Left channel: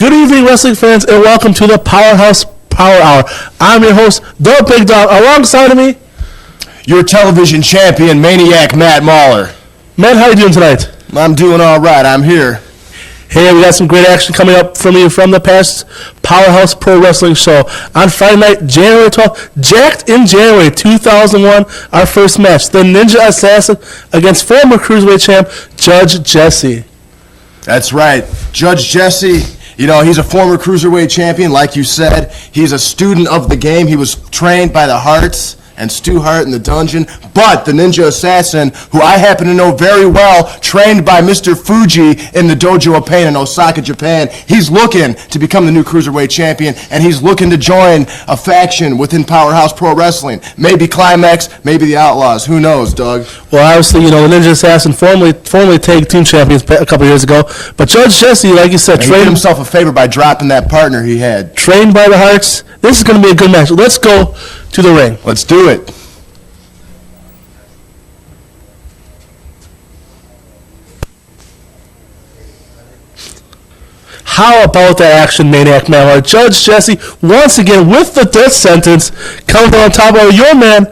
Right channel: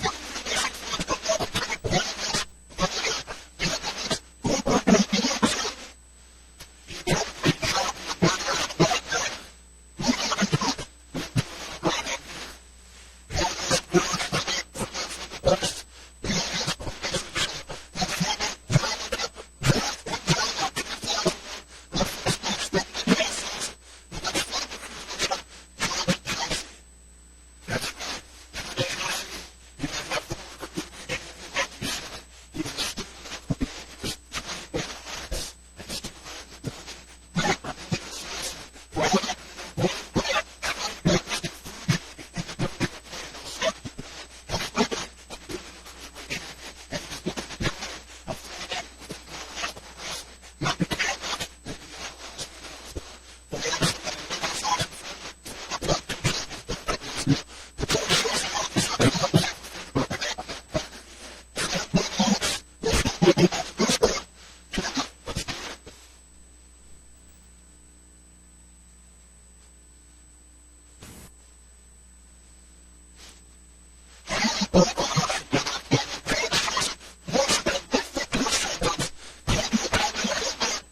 Good evening, wrestling fans, and welcome to the Powerhouse Power Hour. I'm your host, the Big Dog. Alongside of me, your television champion, Maniac Matt Mauler. Matt, how are you doing tonight? I'm doing all right. I'm here. Hey, we got some great action coming up from you from the past Powerhouse Pro Wrestling show. On Friday night, January 12th, jacked in January 2001, our first match, the Ninja Assassin against former Cruiserweight champ, Judge Jesse. That's right. Judge Jesse, you know, he's a former Cruiserweight champion, like you said. He's a student of the game. He was trained by the Harts and Stu Hart in the dungeon, but the Ninja Assassin, who I happen to know very well, trained by Mr. Fuji in the Dojo of Pain in Osaka, Japan, he's looking to become the new Cruiserweight champion, and he's looking to join a faction within Powerhouse Pro Wrestling. Maybe Climax, maybe the Outlaws. Who knows, Doug? Well, obviously, you know, the Ninja Assassin formerly tag team champions a couple years ago, but Judge Jesse, like you said, he did himself a favor by dropping that partner he had. Trained by the Harts. This is going to be a good match. Let's go to the ring. Let's do it. How about that action, Maniac Man? Judge Jesse, once again, with the death sentence, coming on top of your man,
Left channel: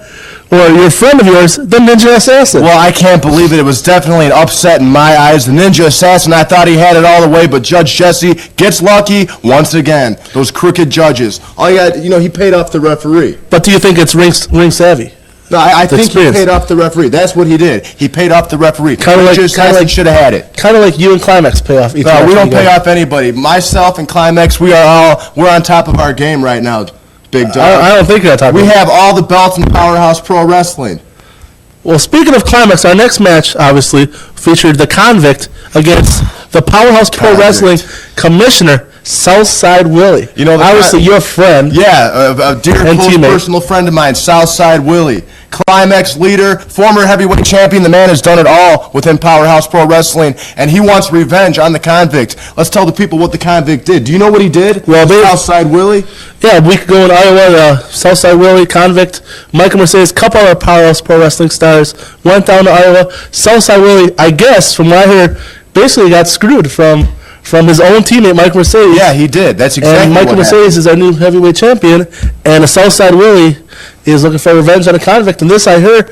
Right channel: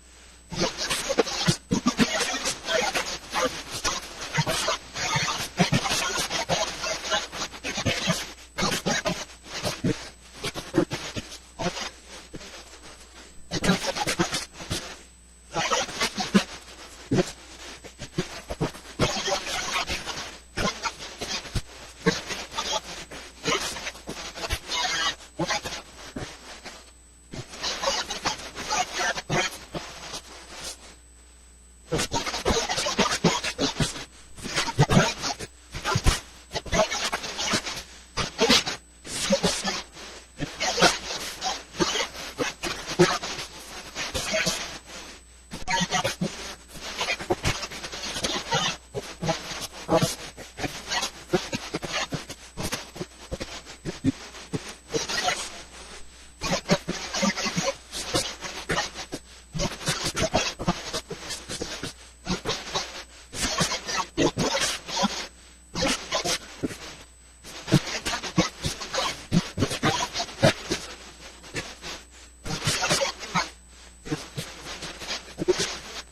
or your friend of yours, the Ninja Assassin. Well, I can't believe it. It was definitely an upset in my eyes. The Ninja Assassin, I thought he had it all the way, but Judge Jesse gets lucky once again. Those crooked judges. All you got, you know, he paid off the referee. But do you think it's ring savvy? No, I think he paid off the referee. That's what he did. He paid off the referee. Kind of like should have had it. Kind of like you and Climax pay off each other. No, we don't pay off anybody. Myself and Climax, we're on top of our game right now, Big Dog. I don't think that's top. We have all the belts in Powerhouse Pro Wrestling. Well, speaking of Climax, our next match, obviously, featured the Convict against the Powerhouse Pro Wrestling Commissioner, Southside Willie. You know, obviously, your friend. Yeah, a dear, close, personal friend of mine, Southside Willie. Climax leader, former heavyweight champion. The man has done it all within Powerhouse Pro Wrestling, and he wants revenge on the Convict. Let's tell the people what the Convict did. Do you know what he did? Well, Southside Willie? Yeah, a week ago in Iowa, Southside Willie, Convict, Michael Mercedes, couple other Powerhouse Pro Wrestling stars went down to Iowa. Southside Willie, I guess, from what I heard, basically got screwed from his own teammate, Mike Mercedes. Yeah, he did. That's exactly and Michael what Mercedes is our new heavyweight champion, and the Southside Willie is looking for revenge on a Convict. And this, I hear,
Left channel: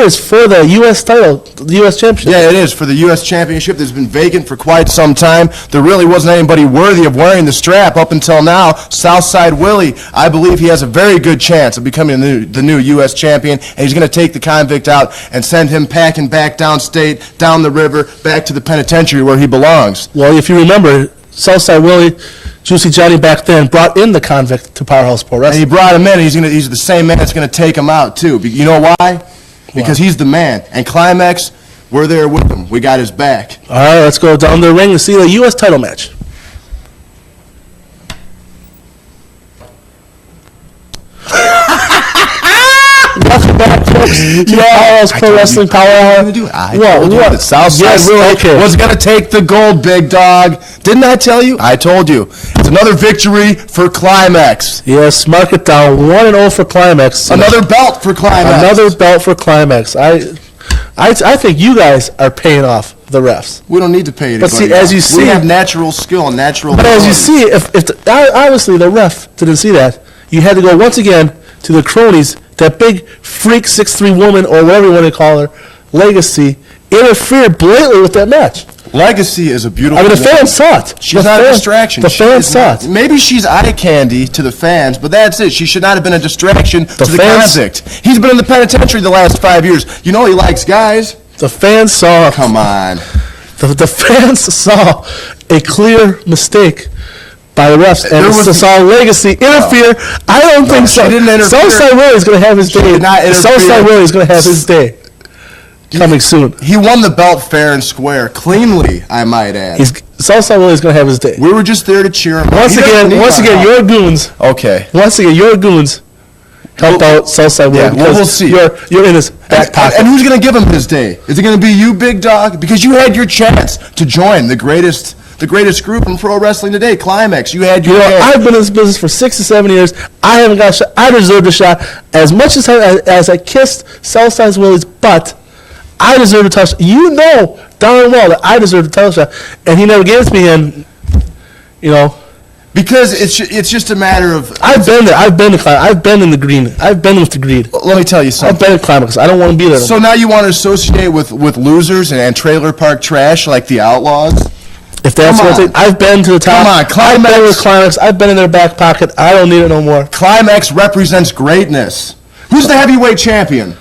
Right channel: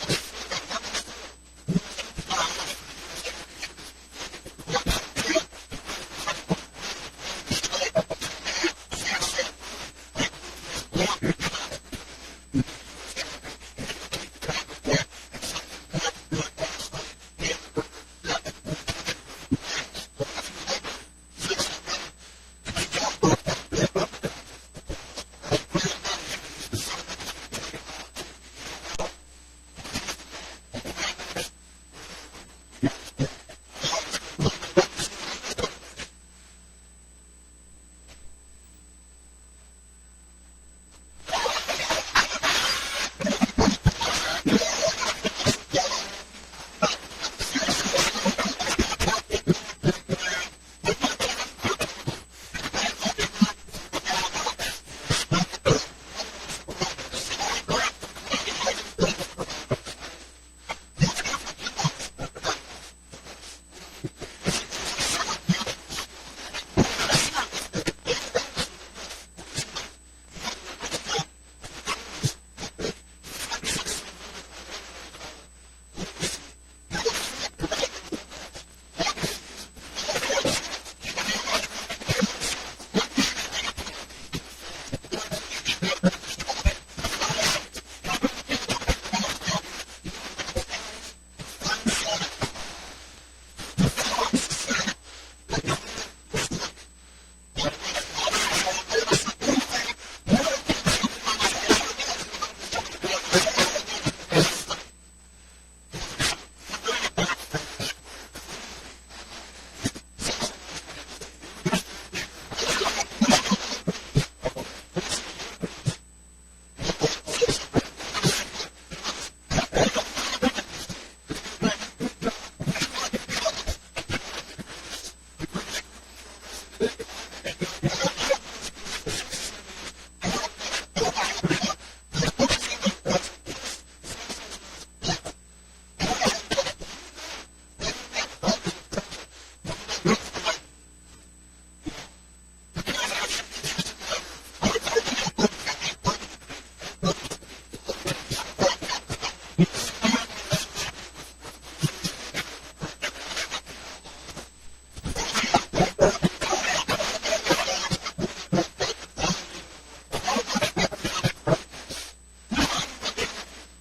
is for the U.S. title, the U.S. championship. Yeah, it is for the U.S. championship. That's been vacant for quite some time. There really wasn't anybody worthy of wearing the strap up until now. Southside Willie, I believe he has a very good chance of becoming the new U.S. champion, and he's going to take the Convict out and send him packing back downstate, down the river, back to the penitentiary where he belongs. Well, if you remember, Southside Willie, Juicy Johnny back then, brought in the Convict to Powerhouse Pro Wrestling. And he brought him in, and he's the same man that's going to take him out, too. You know why? Because he's the man. And Climax, we're there with him. We got his back. All right, let's go down the ring to see the U.S. title match. Welcome back, folks, to the Powerhouse Pro Wrestling Power Hour. What? Southside Willie was going to take the gold, Big Dog. Didn't I tell you? I told you. It's another victory for Climax. Yes, mark it down. 1-0 for Climax. Another belt for Climax. Another belt for Climax. I think you guys are paying off the refs. We don't need to pay anybody. But see, as you see, we have natural skill and natural. But as you see, if obviously the ref didn't see that, you had to go once again to the cronies. That big freak 6'3" woman, or whatever you want to call her, Legacy, interfered blatantly with that match. Legacy is a beautiful. I mean, the fans saw it. She's not a distraction. The fans saw it. Maybe she's eye candy to the fans, but that's it. She should not have been a distraction to the Convict. He's been in the penitentiary the last 5 years. You know he likes guys. The fans saw. Come on. The fans saw a clear mistake by the refs, and saw Legacy interfere. I don't think so. She didn't interfere. Southside Willie is going to have his day. Southside Willie is going to have his day coming soon. He won the belt fair and square, cleanly, I might add. Southside Willie is going to have his day. We were just there to cheer him. Once again, your goons. Okay. Once again, your goons helped out Southside Willie. Yeah, we'll see. You're in his back pocket. And who's going to give him his day? Is it going to be you, Big Dog? Because you had your chance to join the greatest group in pro wrestling today, Climax. You had your chance. I've been in this business for 6 to 7 years. I haven't got a shot. I deserved a shot. As much as I kissed Southside Willie's butt, I deserve a touch. You know darn well that I deserve a title shot. And he never gave it to me, and, you know, Because it's just a matter of. I've been there. I've been in the green. I've been with the greed. Let me tell you something. I've been at Climax. I don't want to be there. So now you want to associate with losers and trailer park trash like the Outlaws? If that's what they, I've been to the top. Come on, Climax. I've been with Climax. I've been in their back pocket. I don't need it no more. Climax represents greatness. Who's the heavyweight champion?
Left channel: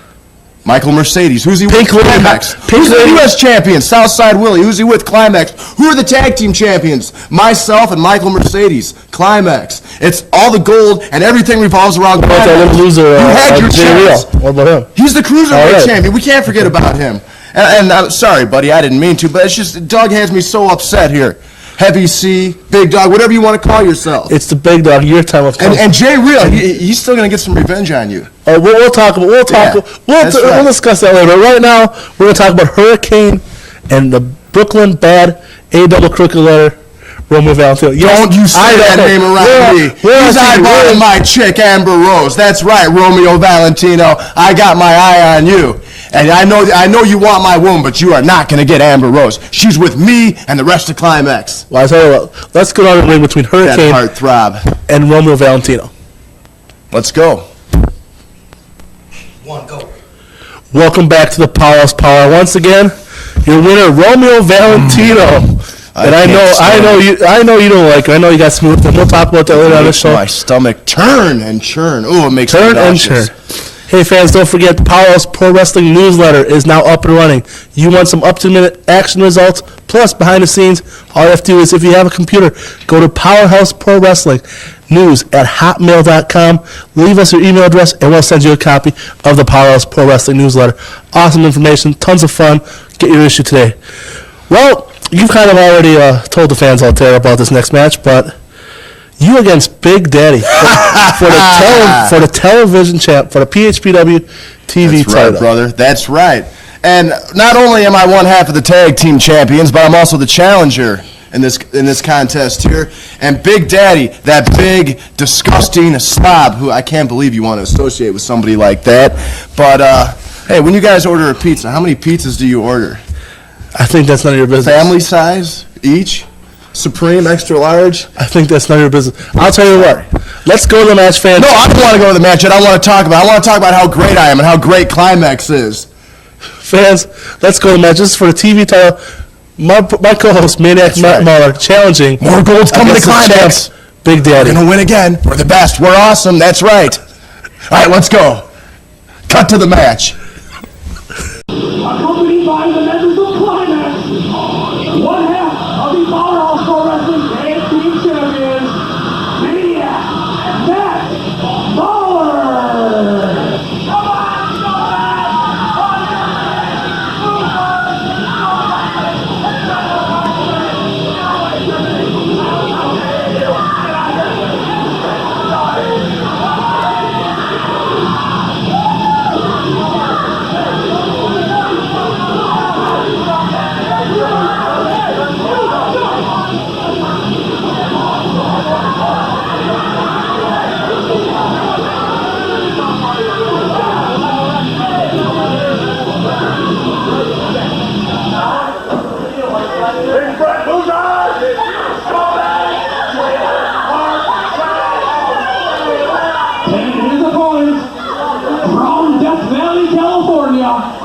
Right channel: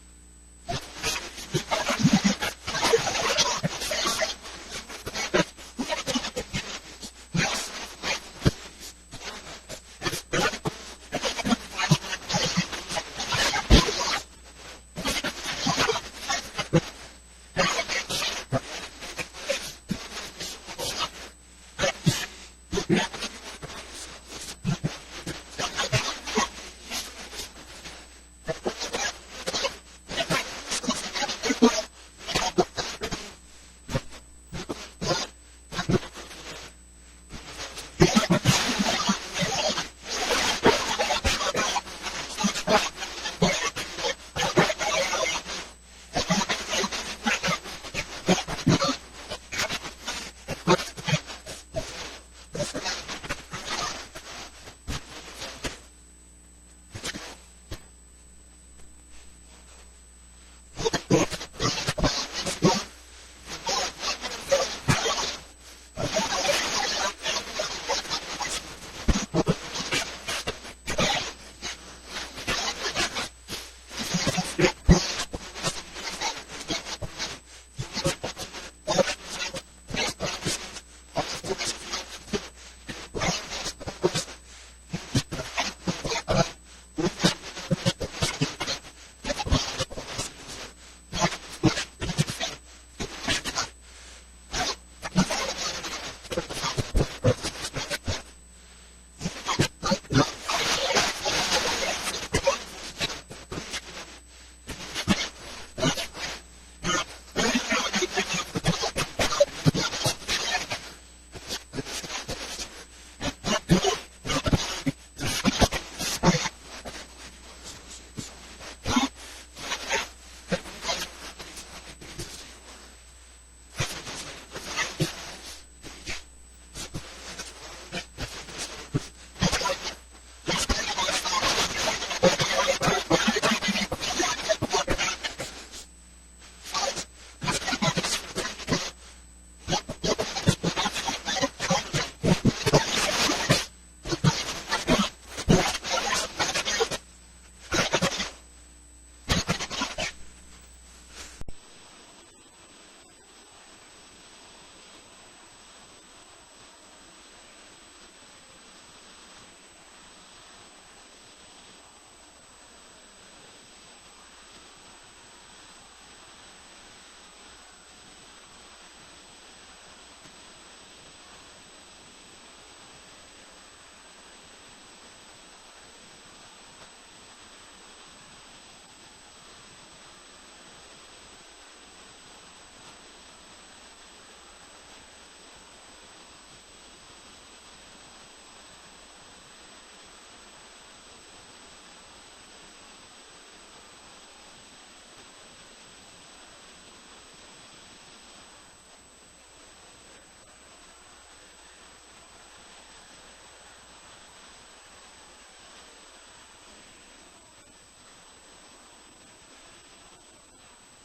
Michael Mercedes. Who's he with? Climax. Who's the U.S. champion? Southside Willie. Who's he with? Climax. Who are the tag team champions? Myself and Michael Mercedes. Climax. It's all the gold and everything revolves around Climax. That little loser, you had your chance. What about him? He's the cruiserweight champion. We can't forget about him. And I'm sorry, buddy, I didn't mean to, but it's just Dawg has me so upset here. Heavy C, Big Dawg, whatever you want to call yourself. It's the Big Dawg. Your time of coming. And Jay Real, he's still going to get some revenge on you. We'll talk about. We'll discuss that later. But right now, we're going to talk about Hurricane and the Brooklyn Bad A-double crooked letter. Romeo Valentino. Don't you say that name around me. He's eyeballing my chick, Amber Rose. That's right, Romeo Valentino. I got my eye on you. And I know you want my womb, but you are not going to get Amber Rose. She's with me and the rest of Climax. Well, I tell you what, let's go down the ring between Hurricane that heartthrob and Romeo Valentino. Let's go. Go. Welcome back to the Powerhouse Power. Once again, your winner, Romeo Valentino. And I know you don't like it. I know you got smooth. And we'll talk about that later on the show. My stomach turn and churn. Oh, it makes turn and churn. Hey fans, don't forget the Powerhouse Pro Wrestling newsletter is now up and running. You want some up-to-the-minute action results, plus behind the scenes, all you have to do is if you have a computer, go to Powerhouse Pro Wrestling News at hotmail.com. Leave us your email address, and we'll send you a copy of the Powerhouse Pro Wrestling newsletter. Awesome information, tons of fun. Get your issue today. Well, you've kind of already told the fans out there about this next match, but you against Big Daddy for the television champ, for the PHPW TV title. That's right, brother. That's right. And not only am I one half of the tag team champions, but I'm also the challenger in this contest here. And Big Daddy, that big, disgusting slob, who I can't believe you want to associate with somebody like that. But, hey, when you guys order a pizza, how many pizzas do you order? I think that's none of your business. Family size each? Supreme, extra large? I think that's none of your business. I'll tell you what. Let's go to the match, fans. No, I don't want to go to the match yet. I want to talk about how great I am and how great Climax is. Fans, let's go to the match. This is for the TV title. My co-host, Maniac Mauler, challenging. More gold's coming to Climax. Big Daddy. We're going to win again. We're the best. We're awesome. That's right. All right, let's go. Cut to the match. Accompanied by the members of Climax, one half of the Powerhouse Pro Wrestling Tag Team Champions, Maniac, Mauler.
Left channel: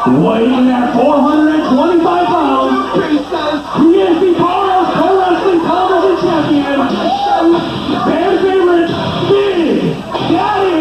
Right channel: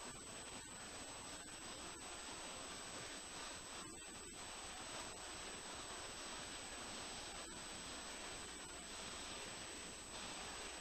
Weighing at 425 pounds, he is the Powerhouse Pro Wrestling Television Champion, fan favorite, Big Daddy.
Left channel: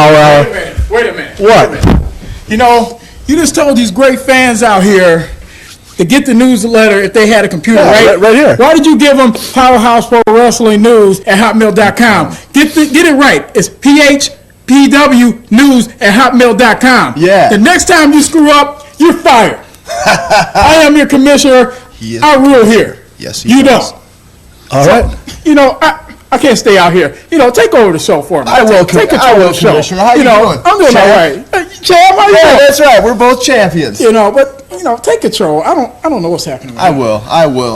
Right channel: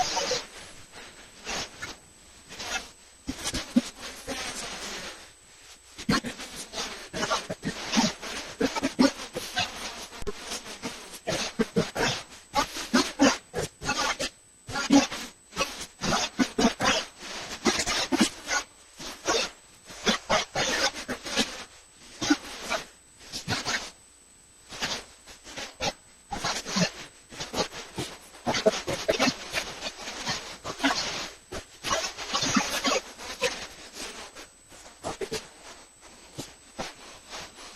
Power Hour. Wait a minute. What? Wait a minute. You know, you just told these great fans out here to get the newsletter if they had a computer, Yeah, right here. Why did you give them Powerhouse Pro Wrestling News at hotmail.com? Get it right. It's PHPW News at hotmail.com. Yeah. The next time you screw up, you're fired. I am your commissioner. He is. I rule here. Yes, he You does. don't. All right. You know, I can't stay out here. You know, take over the show for me. I will, Take I control will, of the show. Commissioner. How you know, doing? I'm doing Champ? all right. Hey, Champ, how you Yeah, doing? that's right. We're both champions. You know, but you know, take control. I don't know what's happening. I will.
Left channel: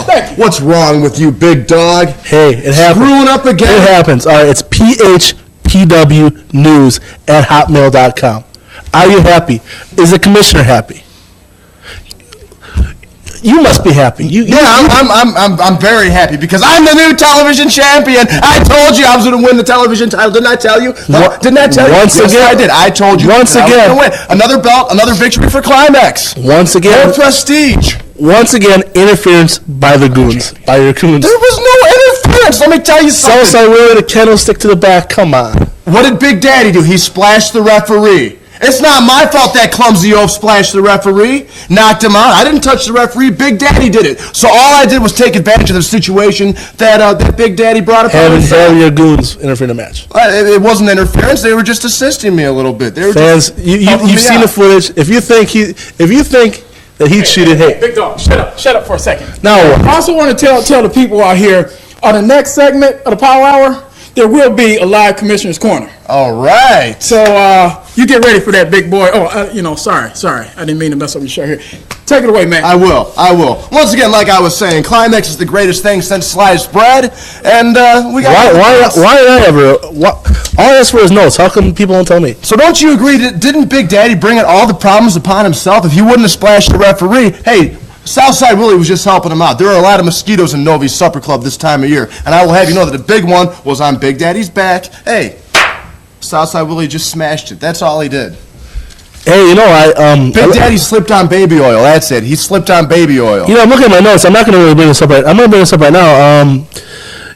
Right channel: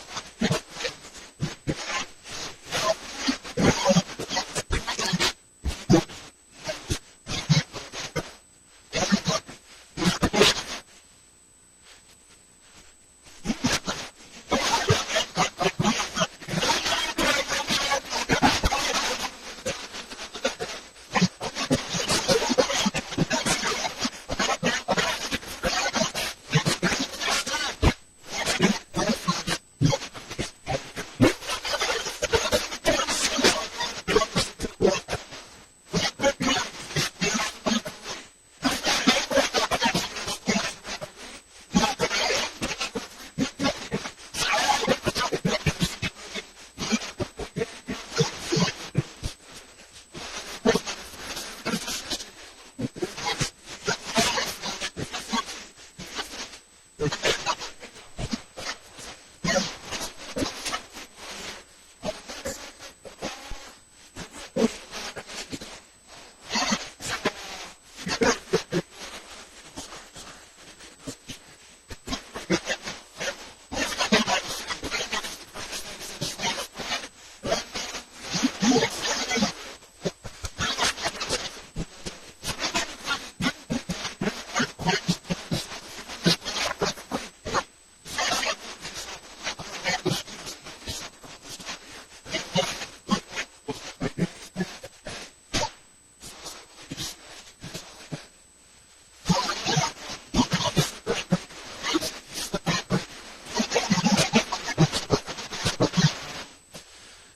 Thank you. What's wrong with you, big dog? Hey, it happens. Screwing up again? It happens. All right, it's PHPW News at hotmail.com. Are you happy? Is the commissioner happy? You must be happy. I'm very happy because I'm the new television champion. I told you I was going to win the television title. Didn't I tell you? Didn't I tell you? Once Yes, again. I did. I told you. Once that I was again. gonna win. Another belt, another victory for Climax. Once again, More prestige. once again, interference by the goons, by your goons. There was no interference. Let me tell you something. Southside Willie, the candlestick to the back. Come on. What did Big Daddy do? He splashed the referee. It's not my fault that clumsy oaf splashed the referee, knocked him out. I didn't touch the referee. Big Daddy did it. So all I did was take advantage of the situation that Big Daddy brought up. Having your goons interfere in the match. It wasn't interference. They were just assisting me a little bit. They were Fans, just you've helping me seen out. the footage. If you think that he cheated, hey, Big dog, shut up for a second. now I what? also want to tell the people out here on the next segment of the Power Hour, there will be a live Commissioner's Corner. All right. So you get ready for that, big boy. Oh, sorry. I didn't mean to mess up your show here. Take it away, man. I will. Once again, like I was saying, Climax is the greatest thing since sliced bread, and we got. Why did I ever? All I asked for is notes. How come people don't tell me? So don't you agree? Didn't Big Daddy bring all the problems upon himself? If he wouldn't have splashed the referee, hey, Southside Willie was just helping him out. There are a lot of mosquitoes in Novi's Supper Club this time of year, and I will have you know that the big one was on Big Daddy's back. Hey, Southside Willie just smashed it. That's all he did. Hey, you know Big Daddy slipped on baby oil. That's it. He slipped on baby oil. You know, I'm looking at my notes. I'm not going to really bring this up right. I'm going to bring this up right now.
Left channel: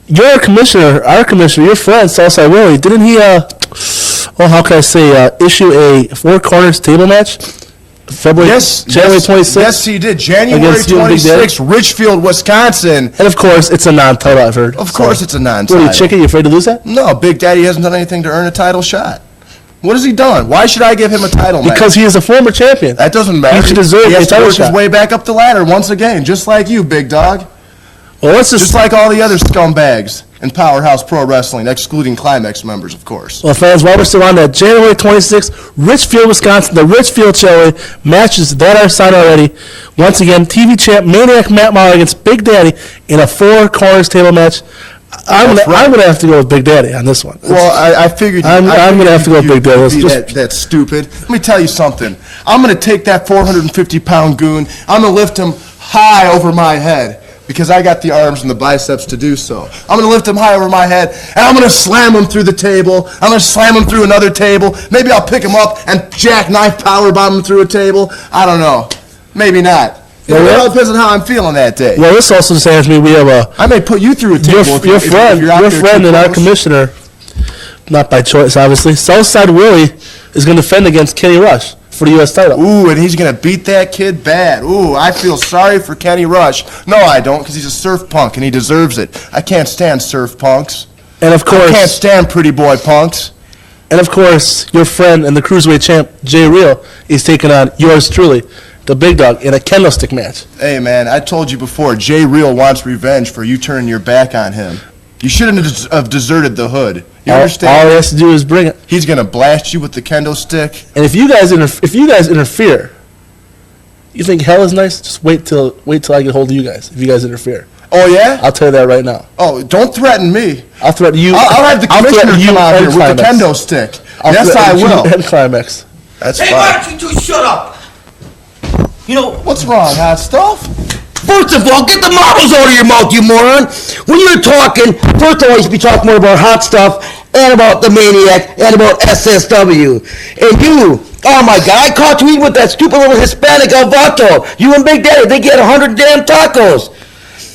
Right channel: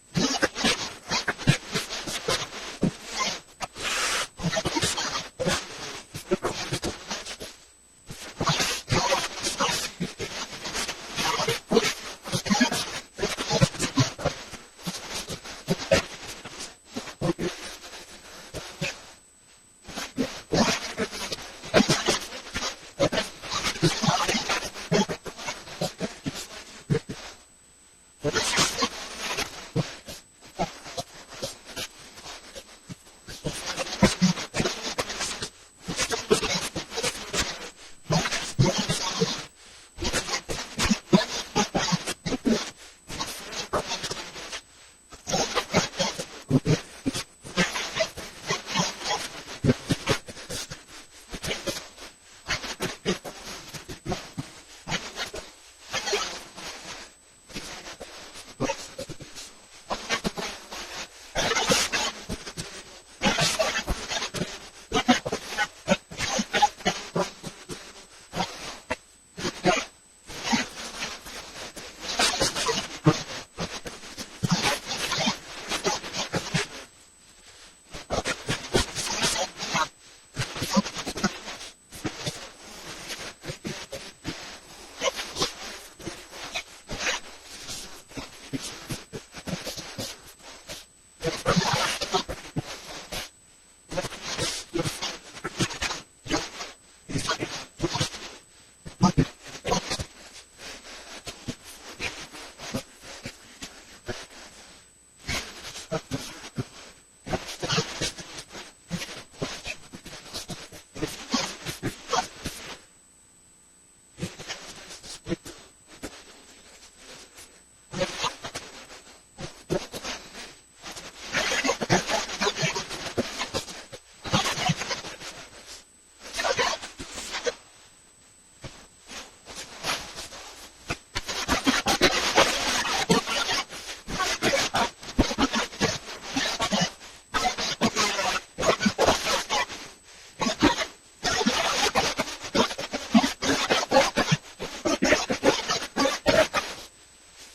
Your commissioner, our commissioner, your friend Southside Willie, didn't he? How can I say? Issue a four corners table match. January 26th. Yes, he did. January Against you and Big Daddy? 26th, Richfield, Wisconsin. And of course, it's a non-title. I've heard. Of course, it's a What non-title. are you, chicken? You afraid to lose that? No, Big Daddy hasn't done anything to earn a title shot. What has he done? Why should I give him a title match? Because he is a former champion. That doesn't matter. He should deserve He a has to title work his shot. way back up the ladder once again, just like you, big dog. Well, let's Just like all the other scumbags in Powerhouse Pro Wrestling, excluding Climax members, of course. Well, fans, while we're still on that, January 26th, Richfield, Wisconsin, the Richfield Chili matches that are signed already. Once again, TV champ Maniac Matt Mauler against Big Daddy in a four corners table match. I'm gonna have to go with Big Daddy on this one. Well, I figured. I'm gonna have to go with Big Daddy. That's stupid. Let me tell you something. I'm gonna take that 450-pound goon. I'm gonna lift him high over my head because I got the arms and the biceps to do so. I'm gonna lift him high over my head and I'm gonna slam him through the table. I'm gonna slam him through another table. Maybe I'll pick him up and jackknife powerbomb him through a table. I don't know. Maybe not. It all depends on how I'm feeling that day. Well, this also says me we have I may put you through a table. your friend and our commissioner, not by choice, obviously. Southside Willie is going to defend against Kenny Rush for the U.S. title. Ooh, and he's going to beat that kid bad. Ooh, I feel sorry for Kenny Rush. No, I don't, because he's a surf punk, and he deserves it. I can't stand surf punks. And of I can't course, stand pretty boy punks. your friend and the cruiserweight champ Jay Real is taking on yours truly, the Big Dog, in a candlestick match. Hey, man, I told you before, Jay Real wants revenge for you turning your back on him. You shouldn't have deserted the hood. You All understand? he has to do is bring it. He's going to blast you with the kendo stick. And if you guys interfere, you think hell is nice? Just wait till I get hold of you guys. If you guys interfere, Oh, yeah? I'll tell you that right now. Oh, don't threaten me. I'll threaten you. I'll have the commissioner threaten you come out and here with the Climax. kendo stick. I'll Yes, I threaten you will. and Climax. That's Hey, why fine. don't you two shut up? You know, What's wrong, hot stuff? first of all, get the marbles out of your mouth, you moron. When you're talking, first of all, you should be talking more about hot stuff and about the Maniac and about SSW. And you, oh my God, I caught you eating with that stupid little Hispanic Alvato. You and Big Daddy, they get 100 damn tacos.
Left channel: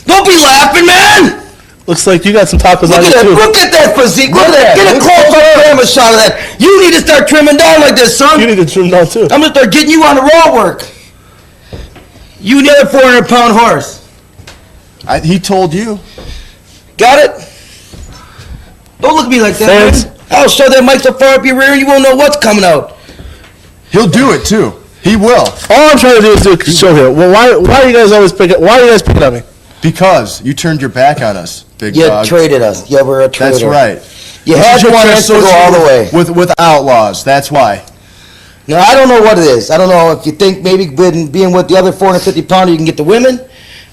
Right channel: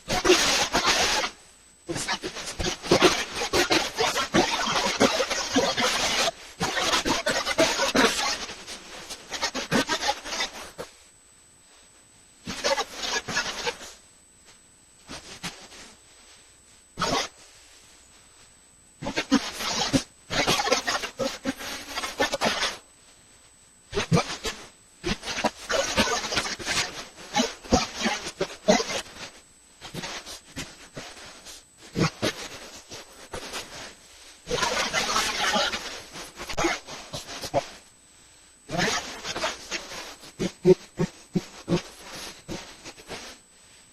Don't be laughing, man. Looks like you got some tacos on Look you at that, too. look at that physique. Look at that. Get a Look close at up camera shot of that. You need to start trimming down like this, son. You need to trim down too. I'm gonna start getting you on the raw work. You and the other 400-pound horse. He told you. Got it? Don't look at me like that, Fans. man. I'll shove that mic so far up your rear you won't know what's coming out. He'll do it too. He will. All I'm trying to do is do a show here. Well, why are you guys always picking? Why are you guys picking on me? Because you turned your back on us, big You dog. traded us. You were a traitor. That's right. You had to want us to go all the way. With outlaws. That's why. Now, I don't know what it is. I don't know if you think maybe being with the other 450-pounder you can get the women,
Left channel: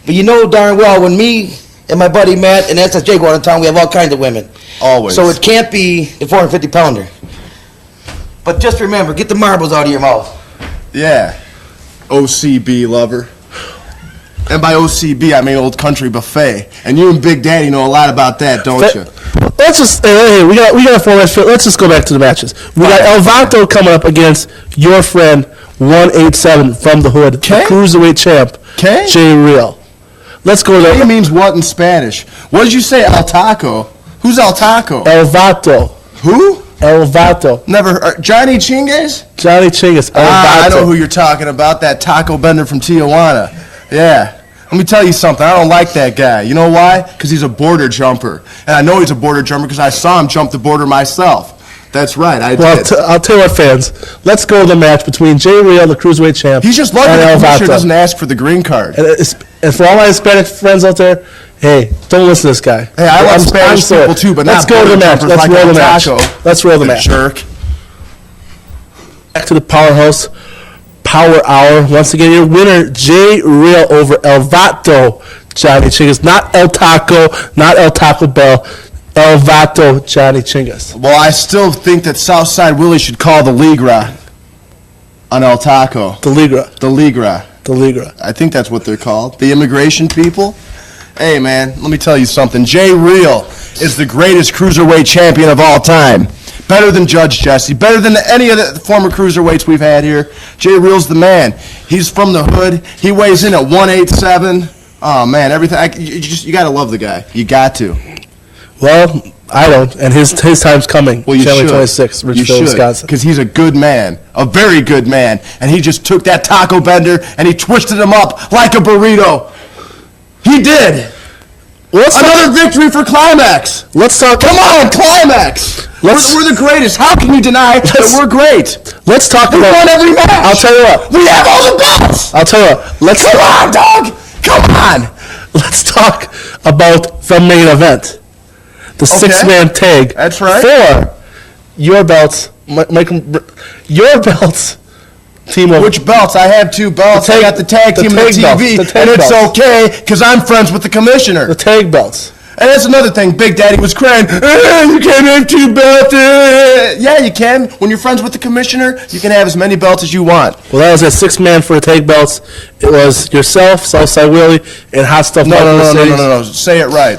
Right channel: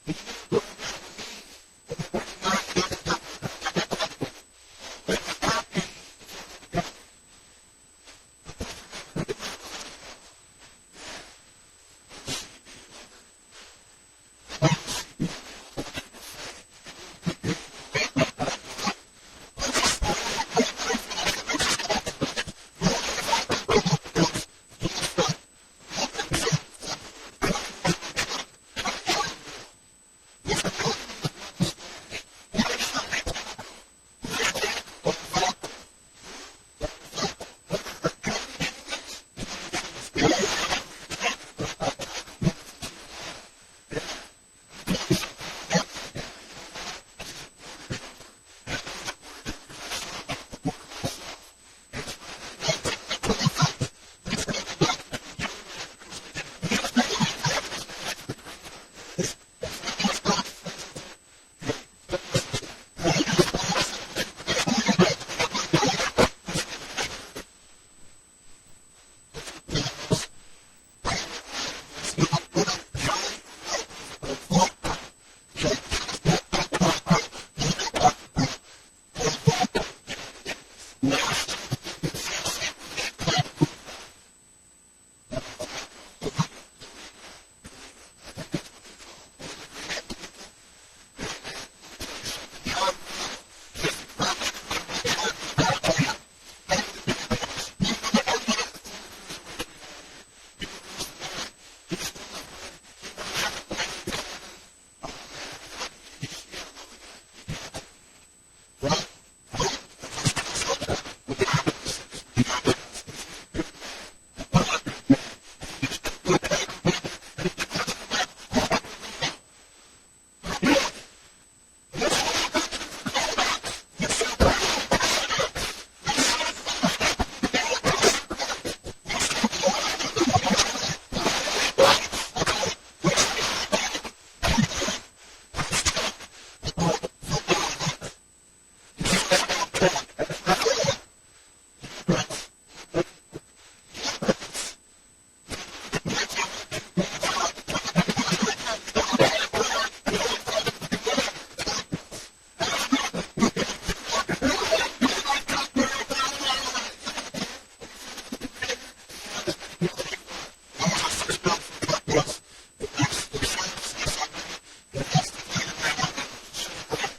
but you know darn well when me and my buddy Matt and SSJ go out of town, we have all kinds of women. Always. So it can't be the 450-pounder. But just remember, get the marbles out of your mouth. Yeah. OCB lover. And by OCB, I mean Old Country Buffet. And you and Big Daddy know a lot about that, don't you? Let's just hey, we got a full match. Let's just go back to the matches. We got El Vato coming up against your friend 187 from the hood, the cruiserweight champ, Okay. Jay Real. Let's go to It means what in Spanish? What did you say, El Taco? Who's El Taco? El Vato. Who? El Vato. Never heard. Johnny Chingues? Johnny Chingus. El I Vato. know who you're talking about, that taco bender from Tijuana. Yeah. Let me tell you something. I don't like that guy. You know why? Because he's a border jumper. And I know he's a border jumper because I saw him jump the border myself. That's right, I Well, did. I'll tell you what, fans. Let's go to the match between Jay Real, the cruiserweight champ, He's just lucky and the El commissioner Vato. doesn't ask for the green card. And for all my Hispanic friends out there, hey, don't listen to this guy. Hey, I like I'm Spanish sorry. people too, but let's not go to the border match. jumpers Let's like roll El the match. Taco. Let's roll the The match. jerk. Back to the Powerhouse Power Hour. Once again, your winner, Jay Real over El Vato, Johnny Chingus. Not El Taco, not El Taco Bell. El Vato, Johnny Chingus. Well, I still think that Southside Willie should call the Ligra on El Taco. The Ligra. The Ligra. The Ligra. I think that's what they're called. The immigration people. Hey, man, let me tell you something. Jay Real is the greatest cruiserweight champion of all time. Better than Judge Jesse. Better than any of the former cruiserweights we've had here. Jay Real's the man. He's from the hood. He weighs in at 187. Oh, man, everything. You got to love the guy. You got to. Well, I don't, and his time's coming. Well, you January should. 26th, You Richfield, should, Wisconsin. because he's a good man, a very good man, and he just took that taco bender and he twisted him up like a burrito. He did. Another victory for Climax. Let's talk. Come on, Climax. We're the greatest. How can you deny that we're great? Let's talk We about. won every match. I'll tell you what. We have all the belts. I'll tell you what. Let's Come on, dog. Come on. Let's talk about the main event. The six-man tag. That's right. For your belts, your belts, team of. Which belts? I have two belts. The tag- I got the tag the team tag and the belts. TV, The tag and it's belts. okay because I'm friends with the commissioner. The tag belts. And that's another thing. Big Daddy was crying. You can't have two belts. Yeah, you can. When you're friends with the commissioner, you can have as many belts as you want. Well, that was a six-man for the tag belts. It was yourself, Southside Willie, and Hot Stuff. No. Say it right.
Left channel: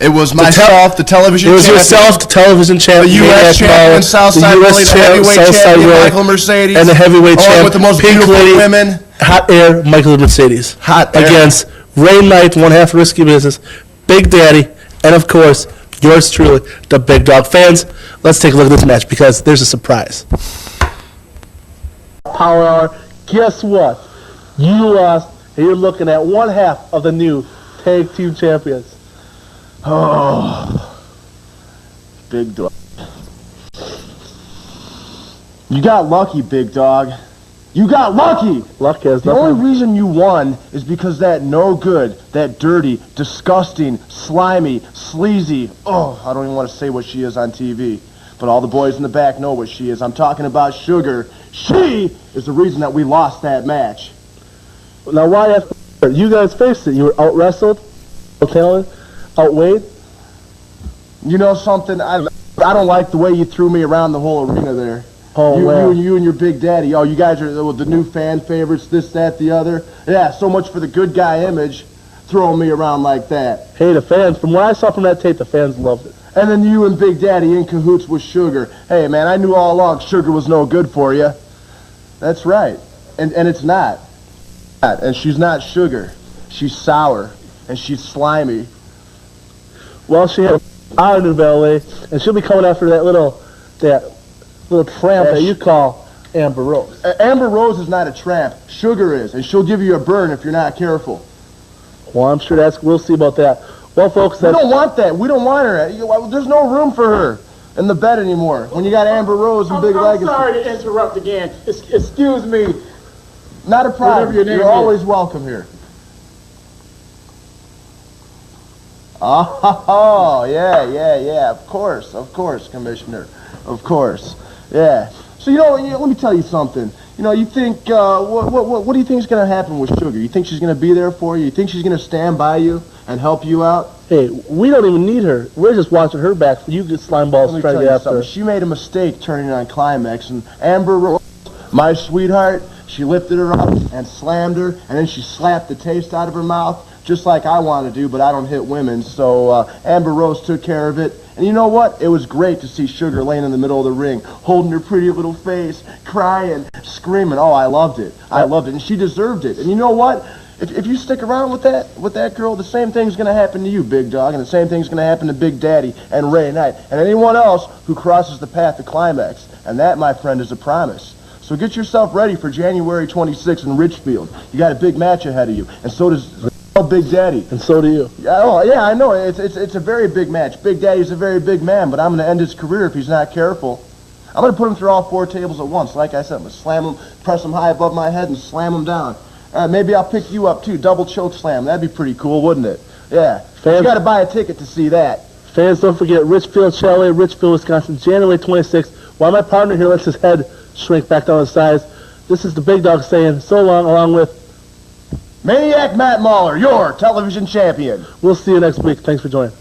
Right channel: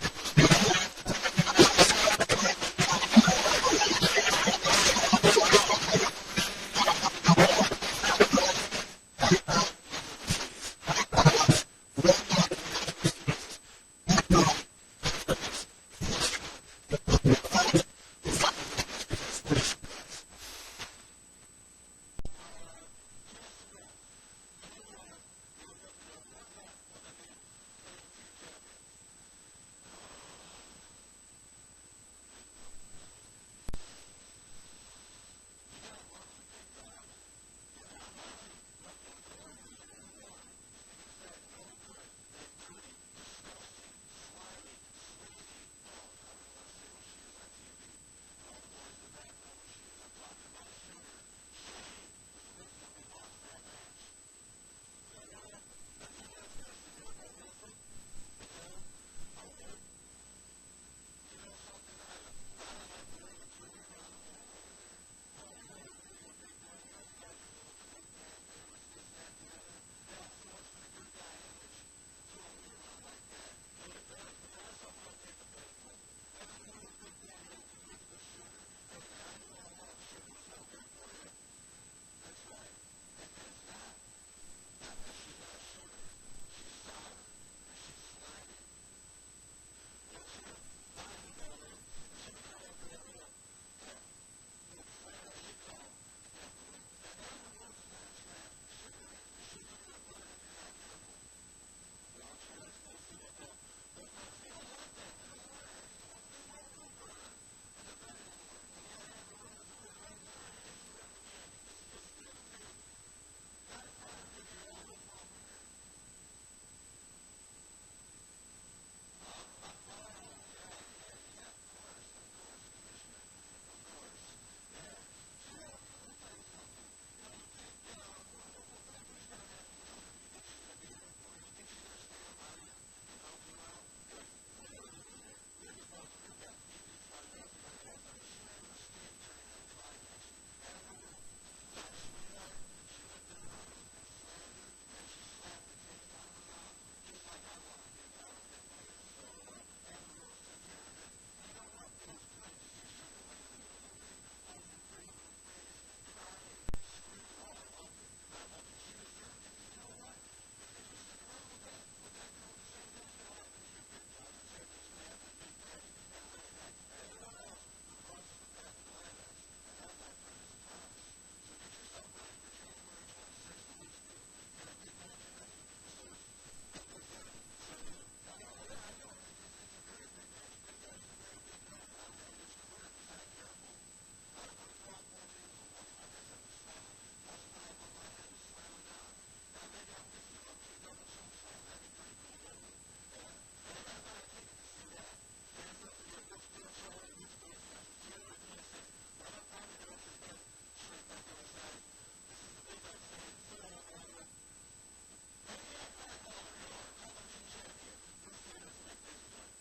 It was myself, the television It was champion, yourself, the television champ, the U.S. champion, Southside Willie, the heavyweight champion, Michael Mercedes, and the heavyweight champ, with the most Pink beautiful Lady, women. Hot Air, Michael Mercedes. Hot Air. Against Rain Knight, one half Risky Business, Big Daddy, and of course, yours truly, the Big Dog. Fans, let's take a look at this match because there's a surprise. Power Hour, guess what? You lost, and you're looking at one half of the new Tag Team Champions. Oh, Big Dog. You got lucky, Big Dog. You got lucky. Luck has The nothing. only reason you won is because that no good, that dirty, disgusting, slimy, sleazy, I don't even want to say what she is on TV, but all the boys in the back know what she is. I'm talking about Sugar. She is the reason that we lost that match. Now, why ask? You guys faced it. You were out-wrestled, out-talented, outweighed. You know something? I don't like the way you threw me around the whole arena there. Oh, wow. You and your Big Daddy. Oh, you guys are the new fan favorites, this, that, the other. Yeah, so much for the good guy image, throwing me around like that. Hey, the fans, from what I saw from that tape, the fans loved it. And then you and Big Daddy in cahoots with Sugar. Hey, man, I knew all along Sugar was no good for you. That's right. And it's not. And she's not Sugar. She's sour. And she's slimy. Well, she had a new valet, and she'll be coming after that little tramp that you call Amber Rose. Amber Rose is not a tramp. Sugar is, and she'll give you a burn if you're not careful. Well, I'm sure we'll see about that. Well, folks, We don't want that. We don't want her. There's no room for her in the bed anymore. When you got Amber Rose and Big Legacy. I'm sorry to interrupt again. Excuse me. Not a problem. Whatever your name You're is. always welcome here. Oh, yeah. Of course, Commissioner. Of course. Yeah. So, let me tell you something. You think, what do you think is going to happen with Sugar? You think she's going to be there for you? You think she's going to stand by you and help you out? Hey, we don't even need her. We're just watching her back. You get slime balls Let me trying tell to you get after her. something. She made a mistake turning on Climax, and Amber Rose, my sweetheart, she lifted her up and slammed her, and then she slapped the taste out of her mouth, just like I want to do, but I don't hit women. So Amber Rose took care of it. And you know what? It was great to see Sugar laying in the middle of the ring, holding her pretty little face, crying, screaming. Oh, I loved it. I loved it. And she deserved it. And you know what? If you stick around with that girl, the same thing's going to happen to you, Big Dog, and the same thing's going to happen to Big Daddy and Ray Knight and anyone else who crosses the path to Climax. And that, my friend, is a promise. So get yourself ready for January 26th in Richfield. You got a big match ahead of you, and so does Big Daddy. And so do you. Yeah, I know. It's a very big match. Big Daddy's a very big man, but I'm going to end his career if he's not careful. I'm going to put him through all 4 tables at once. Like I said, I'm going to slam him, press him high above my head, and slam him down. Maybe I'll pick you up, too. Double choke slam. That'd be pretty cool, wouldn't it? Yeah. You got to buy a ticket to see that. Fans, don't forget Richfield Chalet, Richfield, Wisconsin, January 26th. While my partner here lets his head shrink back down to size, this is the Big Dog saying so long, along with Maniac Matt Mauler, your television champion. We'll see you next week. Thanks for joining.